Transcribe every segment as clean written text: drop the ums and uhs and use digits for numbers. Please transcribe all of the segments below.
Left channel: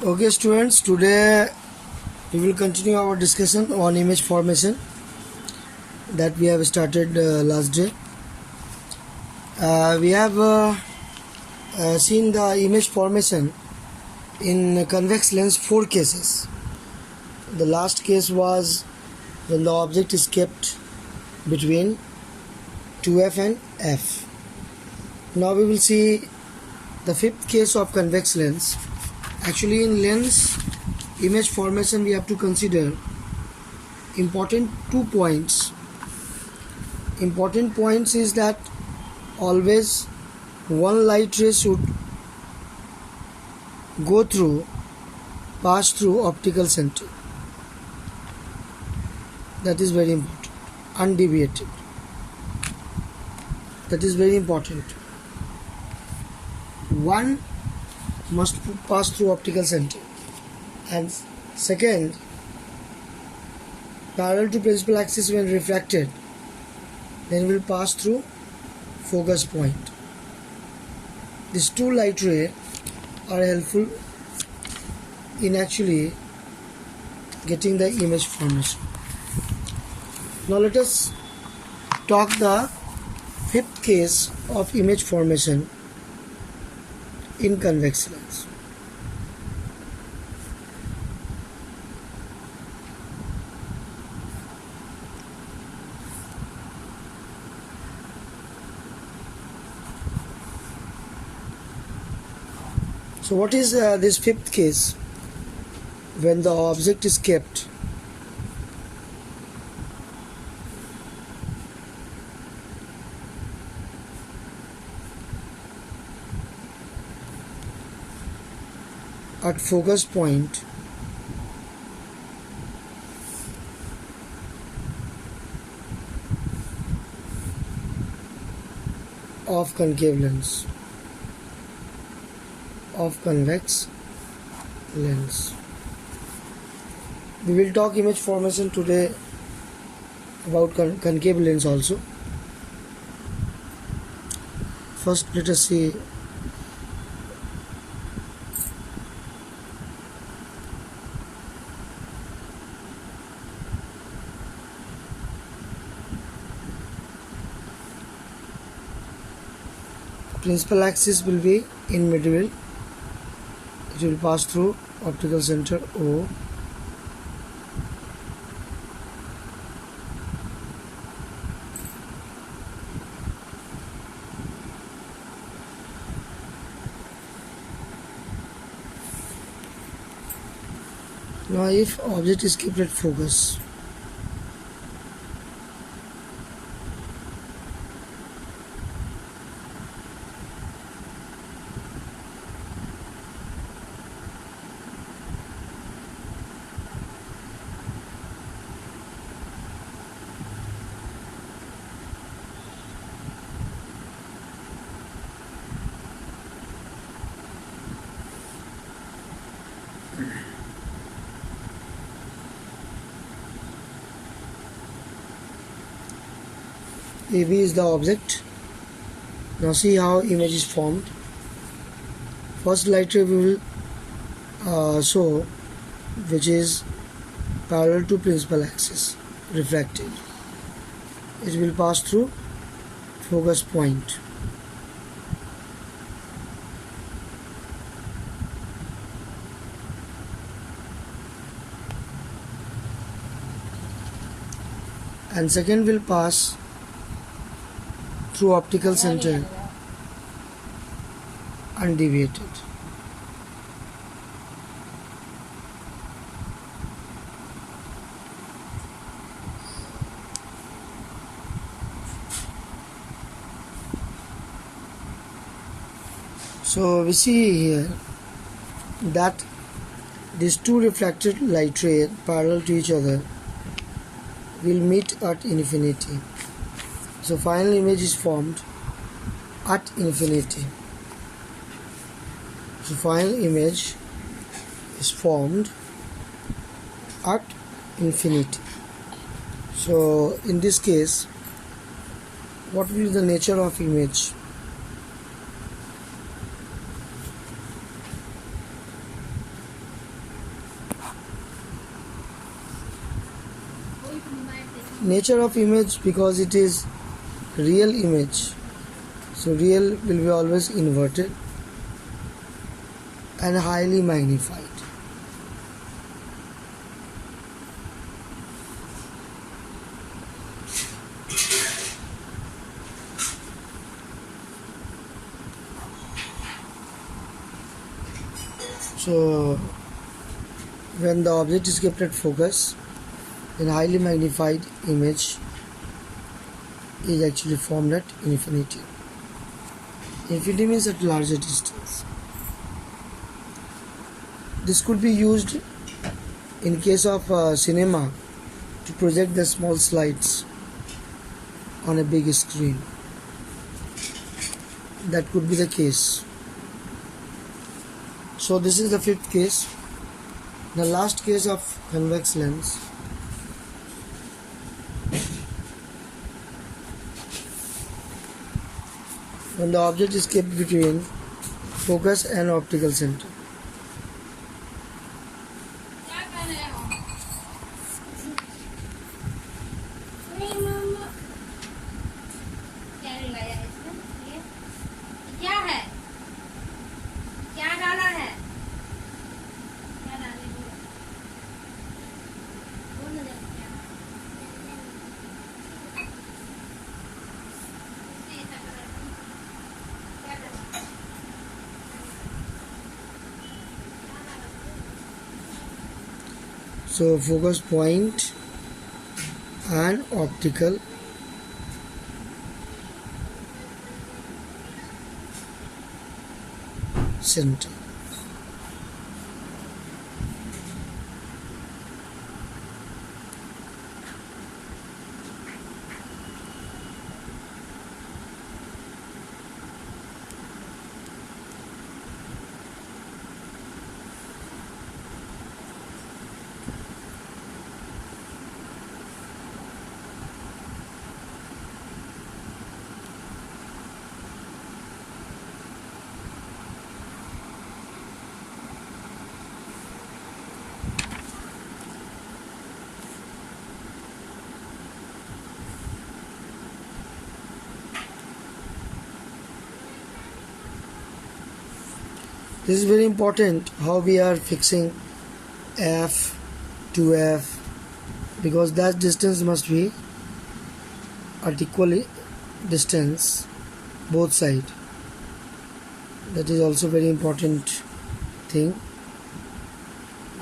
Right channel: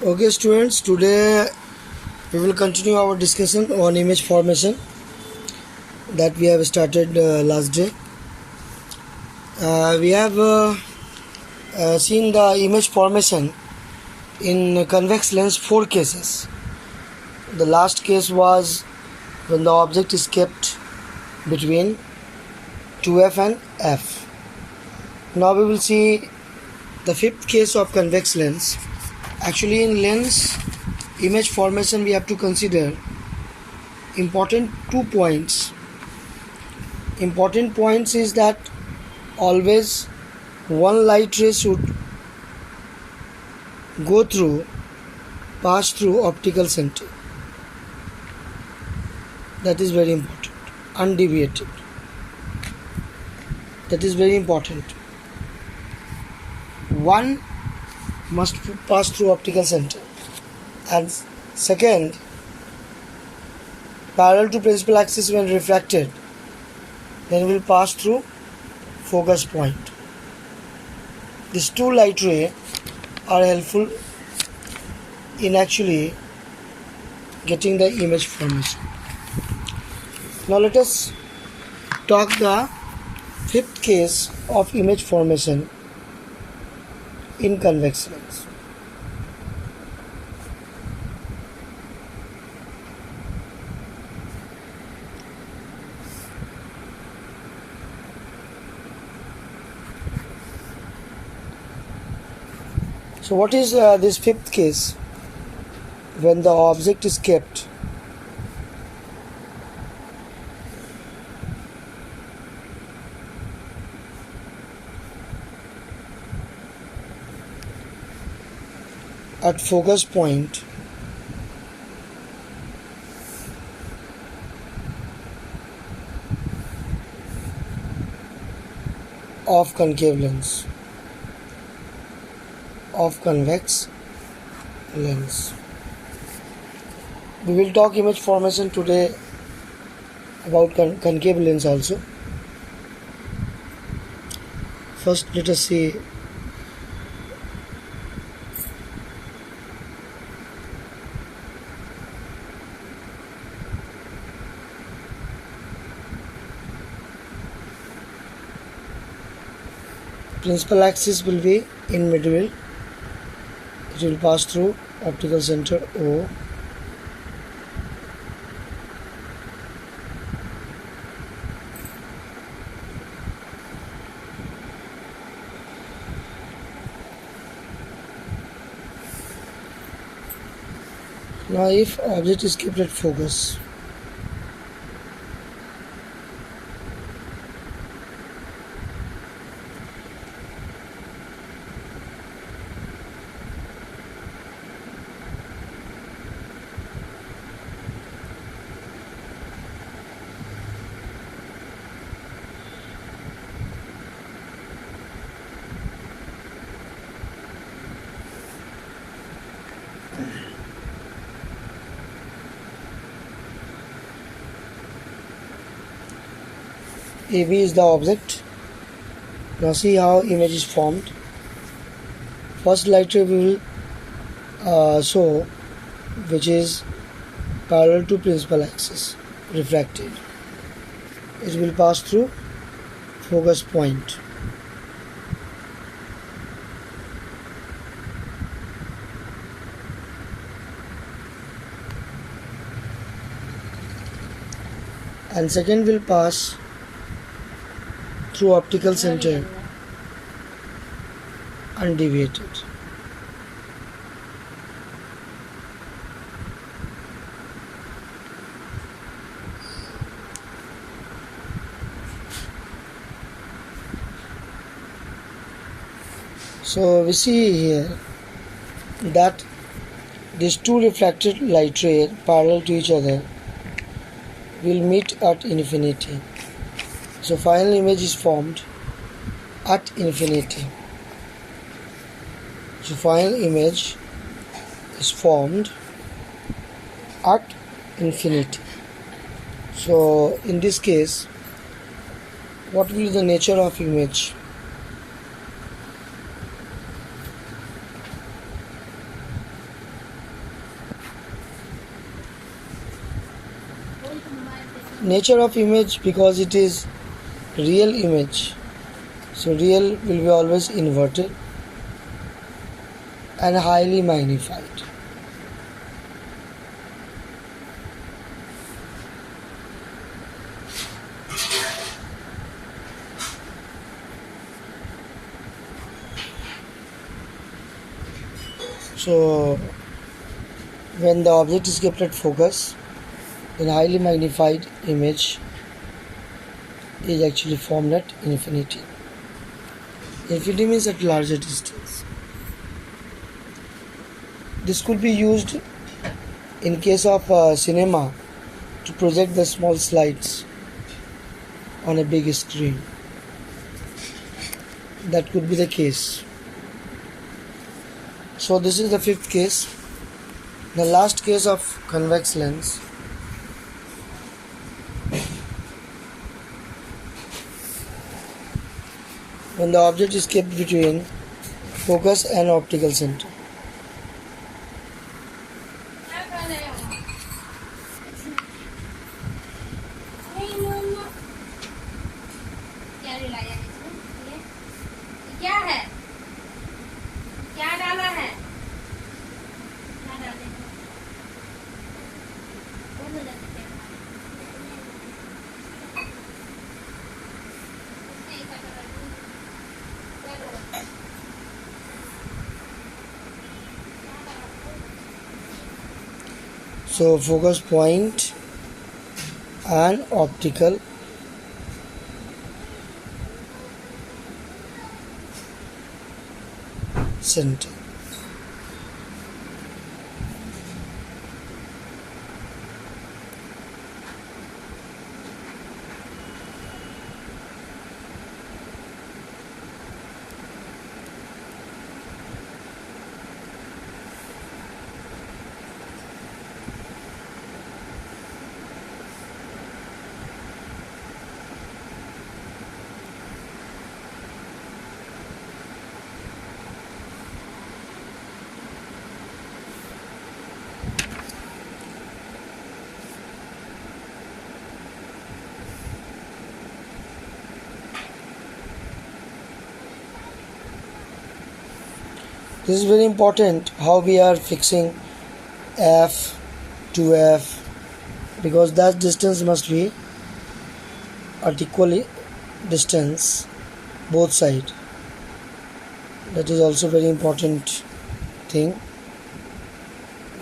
Okay, students, today we will continue our discussion on image formation that we have started last day. We have seen the image formation in convex lens 4 cases. The last case was when the object is kept between 2f and f. Now we will see the fifth case of convex lens. Actually, in lens image formation we have to consider important 2 points. Important points is that always one light ray should pass through optical center. That is very important. Undeviated. That is very important. One must pass through optical center, and second, parallel to principal axis when refracted, then will pass through focus point. These two light rays are helpful in actually getting the image formation. Now let us talk the fifth case of image formation in convex lens. So what is this fifth case? When the object is kept at focus point of concave lens, of convex lens. We will talk image formation today about concave lens also. First, let us see principal axis will be in middle. It will pass through optical center O. Now if object is kept at focus, AB is the object. Now see how image is formed. First light ray we will show, which is parallel to principal axis, refracted. It will pass through focus point. And second will pass through optical center undeviated. So we see here that these two refracted light rays parallel to each other will meet at infinity. So final image is formed at infinity. So final image is formed at infinity. So in this case, what will be the nature of image? nature of image, because it is real image, so real will be always inverted and highly magnified. So when the object is kept at focus, then highly magnified image is actually formed at infinity. Infinity means at larger distance. This could be used in case of cinema to project the small slides on a big screen. That could be the case. So this is the fifth case. The last case of convex lens. When the object is kept between focus and optical center. So focus point and optical center. This is very important how we are fixing F to F, because that distance must be at equal distance both sides. That is also very important thing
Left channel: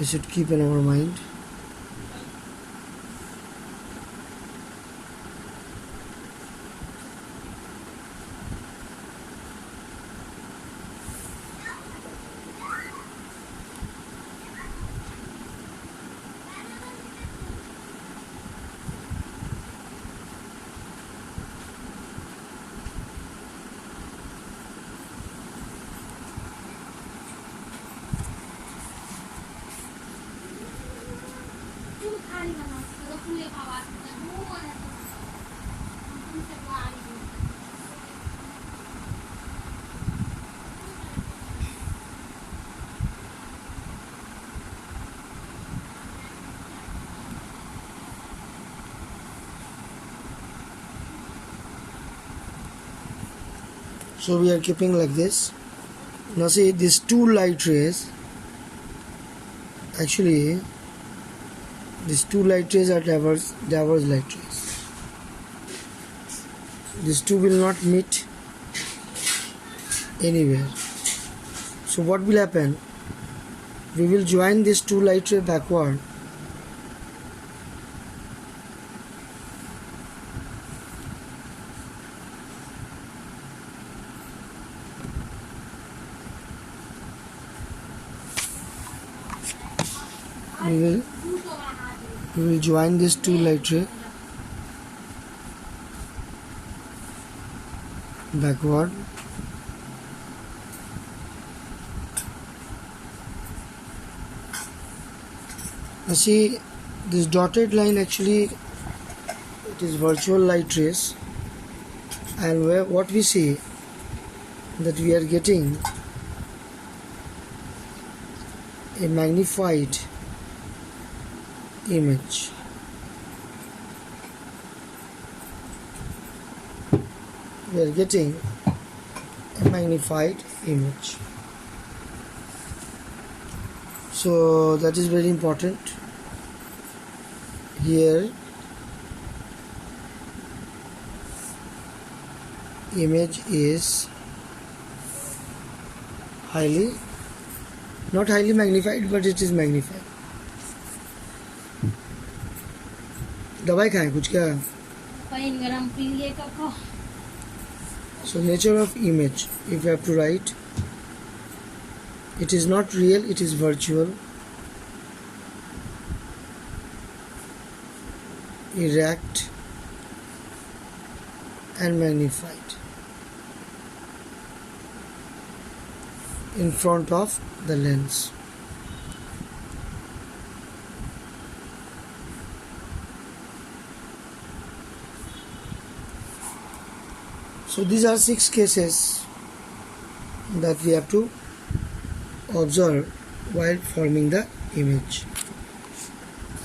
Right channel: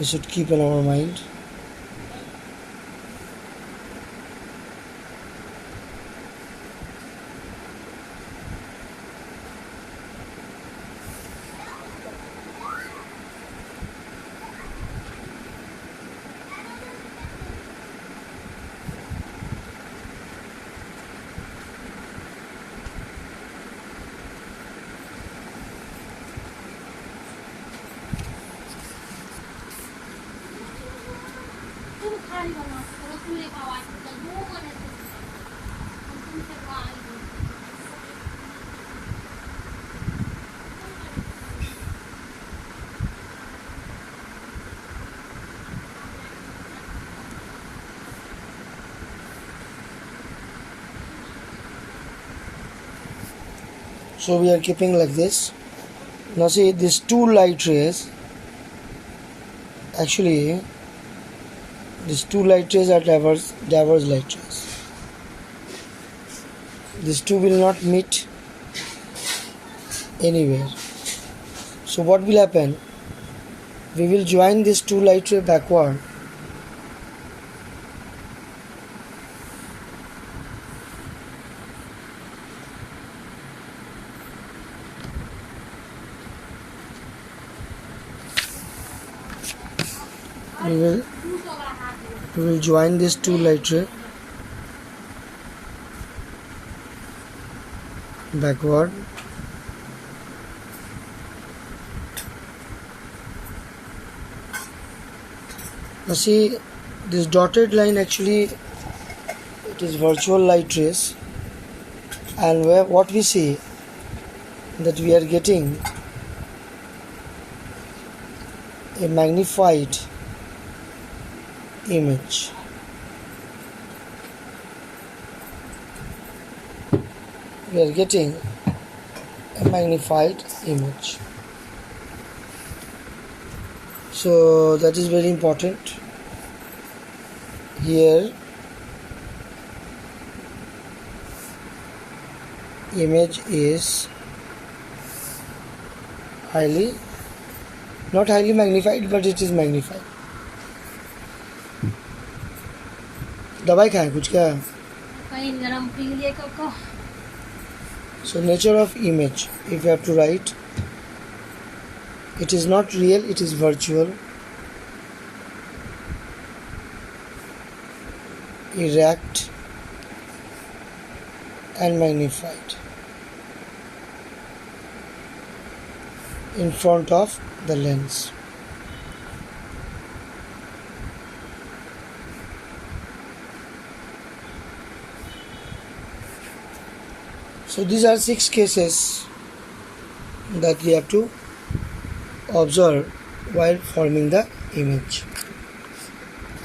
we should keep in our mind. So we are keeping like this. Now see, these two light rays, actually these two light rays are diverse light rays. These two will not meet anywhere. So what will happen? We will join these two light rays backward. We will join these two light rays backward. Now see, this dotted line, actually it is virtual light rays, and what we see that we are getting a magnified image. we are getting a magnified image. So that is very important. Here image is not highly magnified, but it is magnified. दवाई खाएं कुछ क्या? So nature of image, if you have to write, it is not real, it is virtual, erect and magnified in front of the lens. So these are 6 cases that we have to observe while forming the image.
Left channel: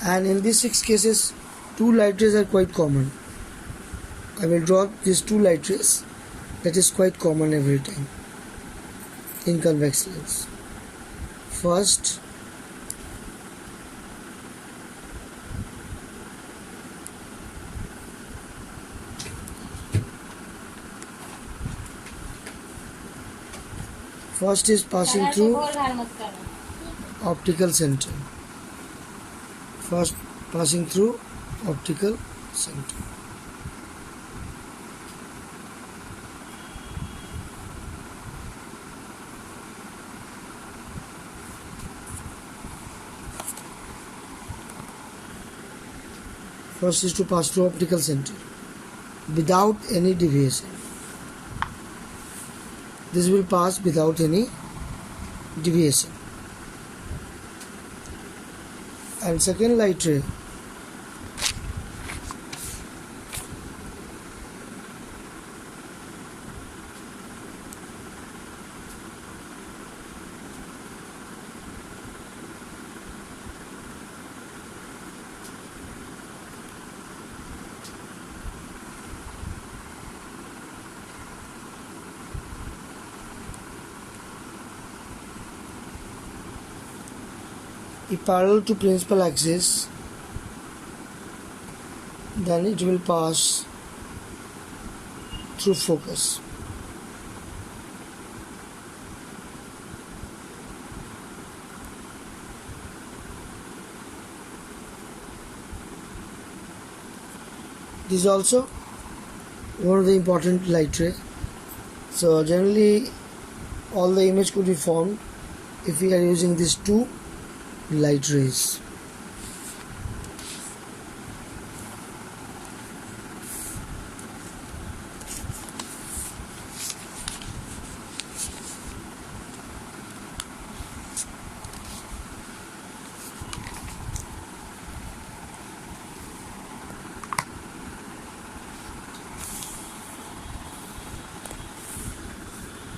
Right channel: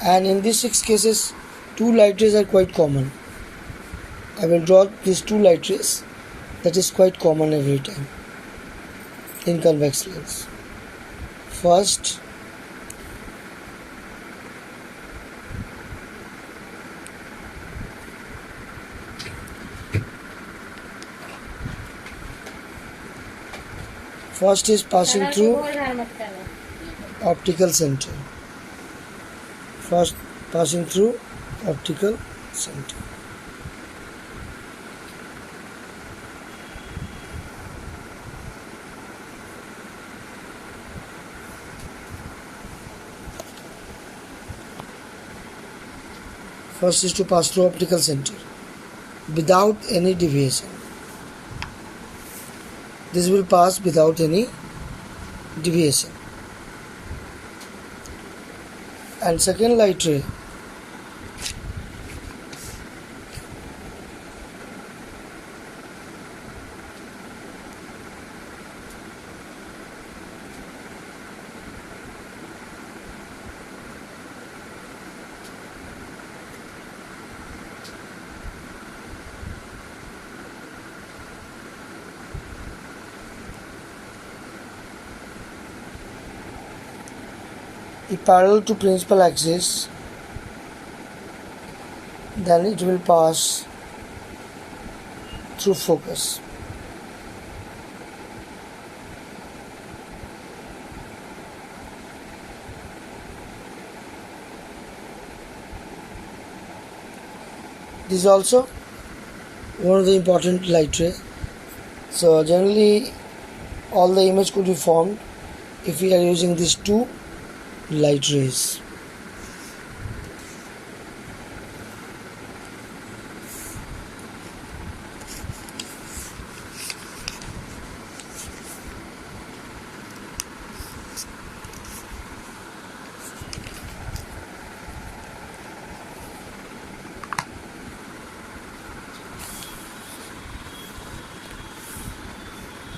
And in these 6 cases, 2 light rays are quite common. I will draw these 2 light rays that is quite common every time in convex lens. First, is passing through optical center. First passing through optical center. First is to pass through optical center without any deviation. This will pass without any deviation. And second light ray if parallel to principal axis, then it will pass through focus. This is also one of the important light ray. So generally all the image could be formed if we are using these 2 light rays.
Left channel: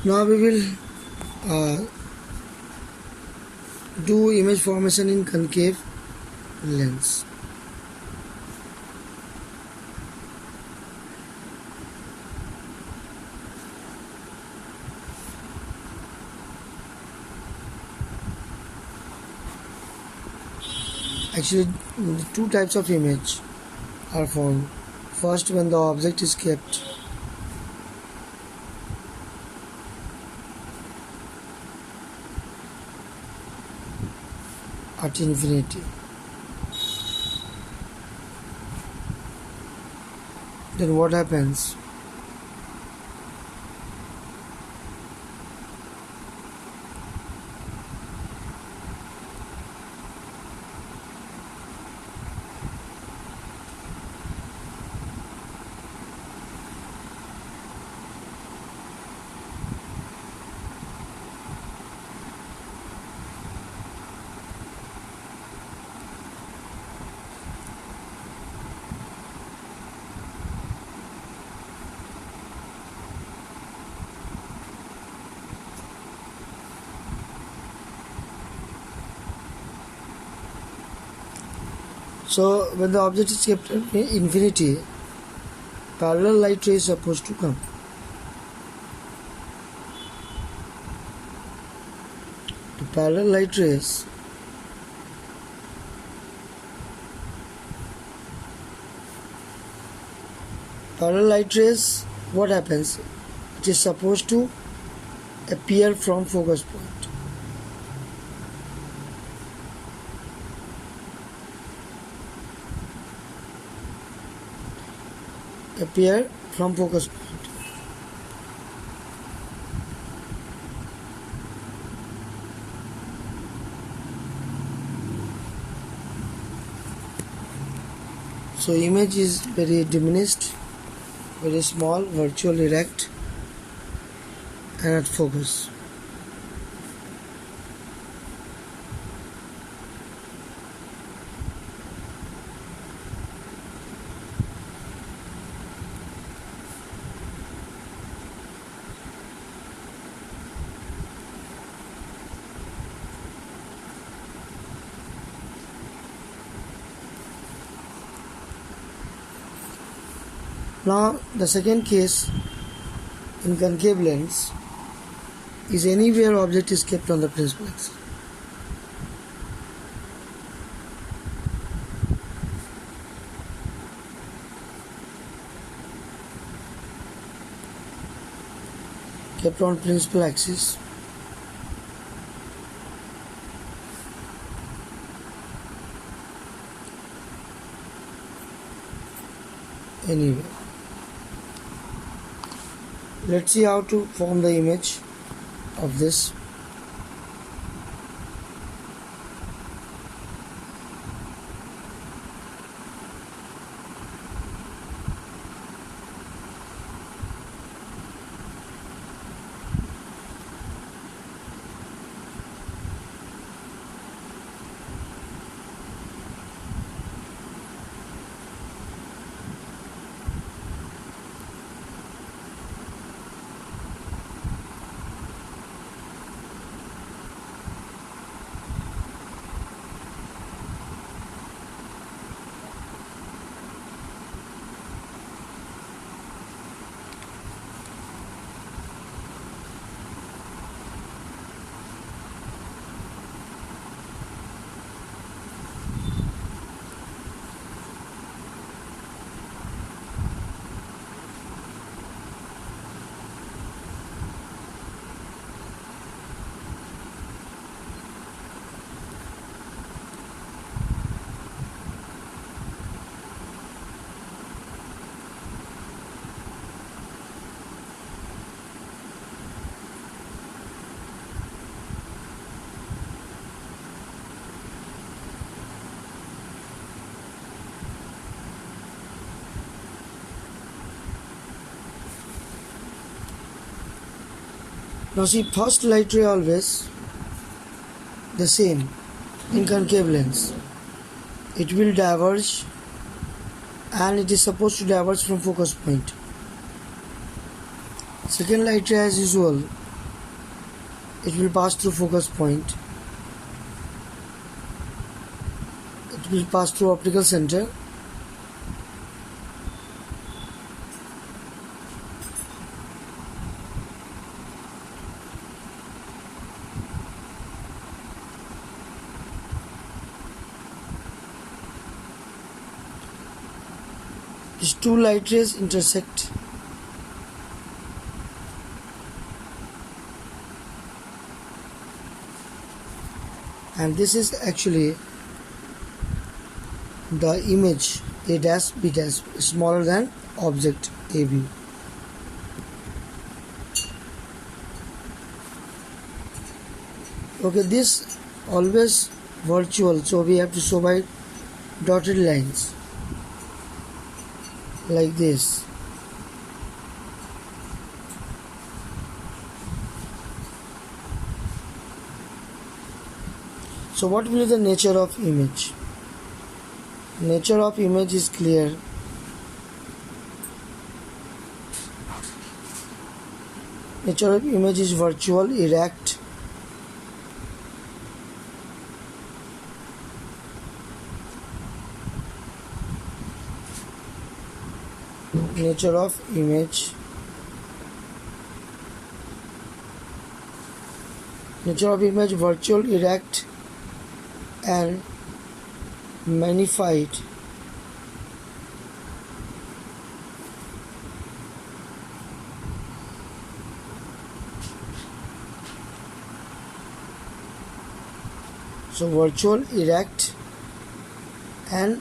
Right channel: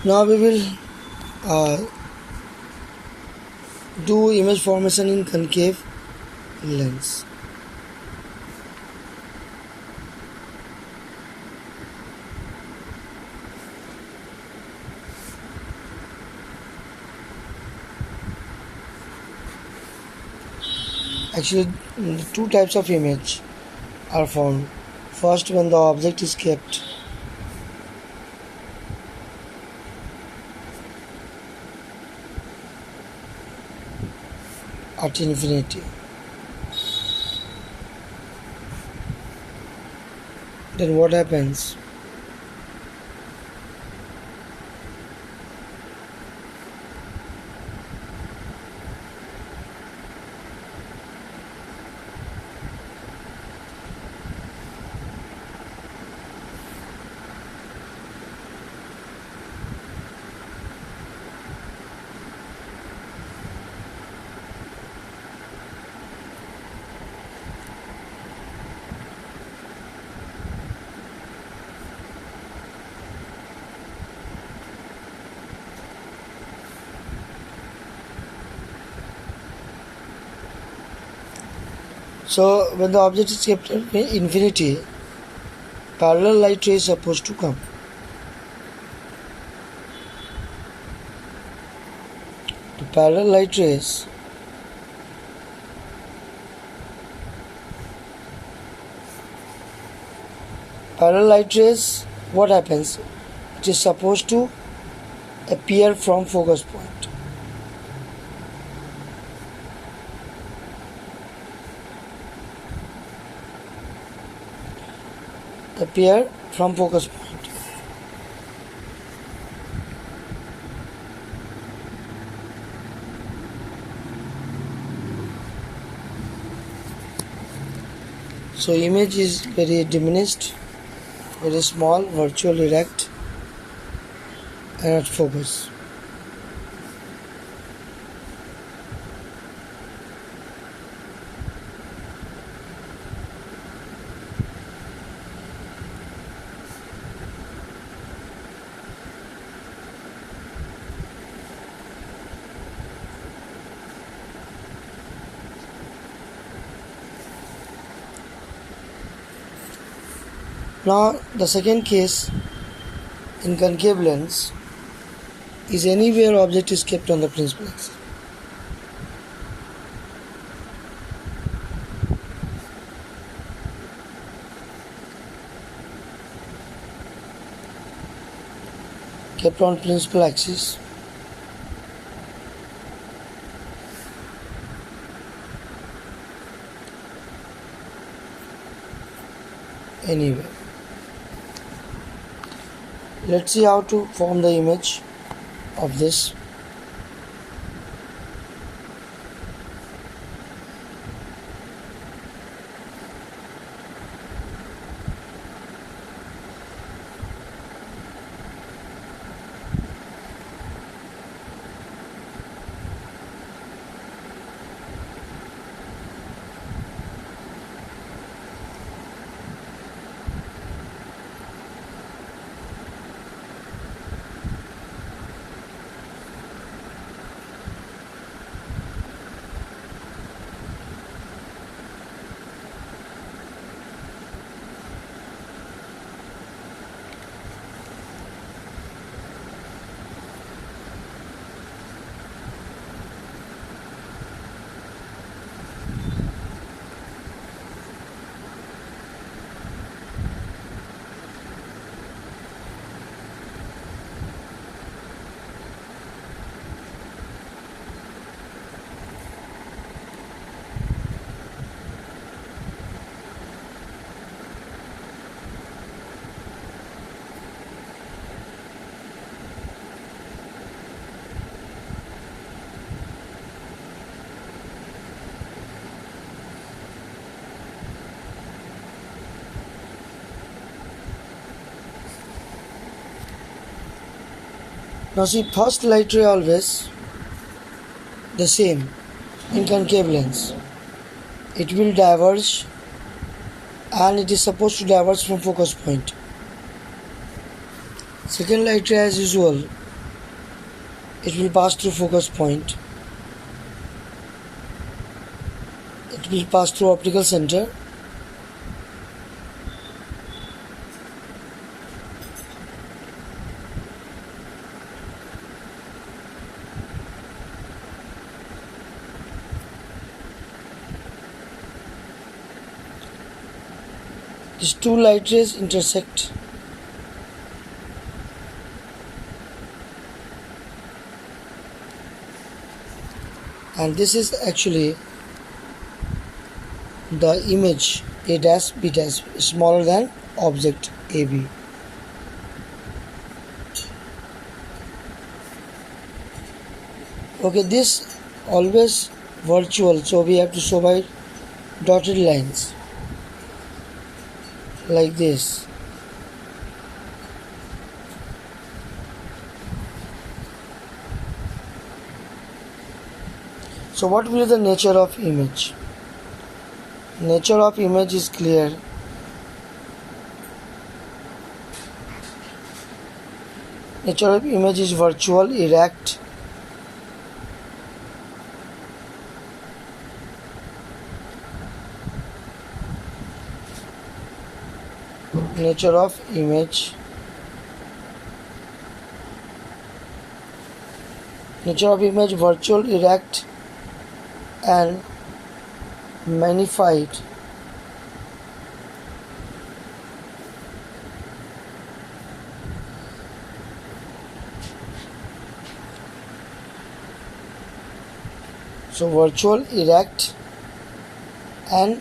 Now we will do image formation in concave lens. Actually, 2 types of image are formed. First, when the object is kept at infinity, then what happens? So when the object is kept at infinity, parallel light ray is supposed to come. parallel light rays what happens? It is supposed to appear from focus point. Appear from focus point. So image is very diminished, very small, virtually erect, and at focus. Now the second case in concave lens is anywhere object is kept on the principal axis. Kept on principal axis. Anywhere. Let's see how to form the image of this. Now see, first light ray always the same in concave lens. It will diverge, and it is supposed to diverge from focus point. Second light ray, as usual, it will pass through focus point. It will pass through optical center. These two light rays intersect. And this is actually the image A dash B dash, smaller than object AB. Okay, this always virtual, so we have to show by dotted lines like this. So what will be the nature of image? Nature of image is clear. Nature of image is virtual, erect. Nature of image Nature of image: virtual, erect, and magnified. So virtual, erect, and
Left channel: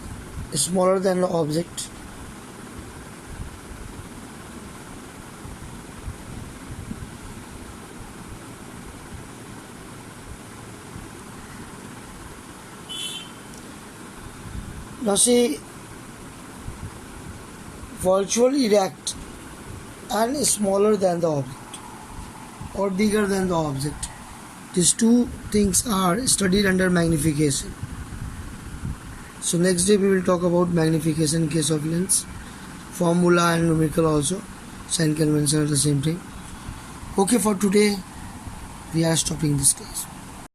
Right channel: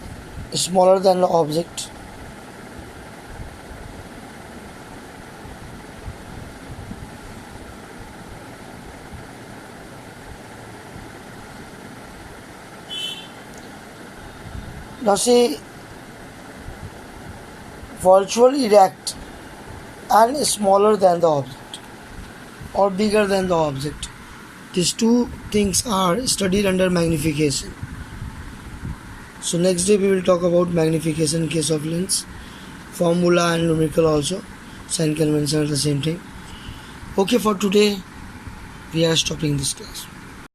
smaller than the object. Now see, virtual, erect, and smaller than the object or bigger than the object. These two things are studied under magnification. So next day we will talk about magnification in case of lens, formula and numerical also. Sign convention are the same thing. Okay, for today we are stopping this class.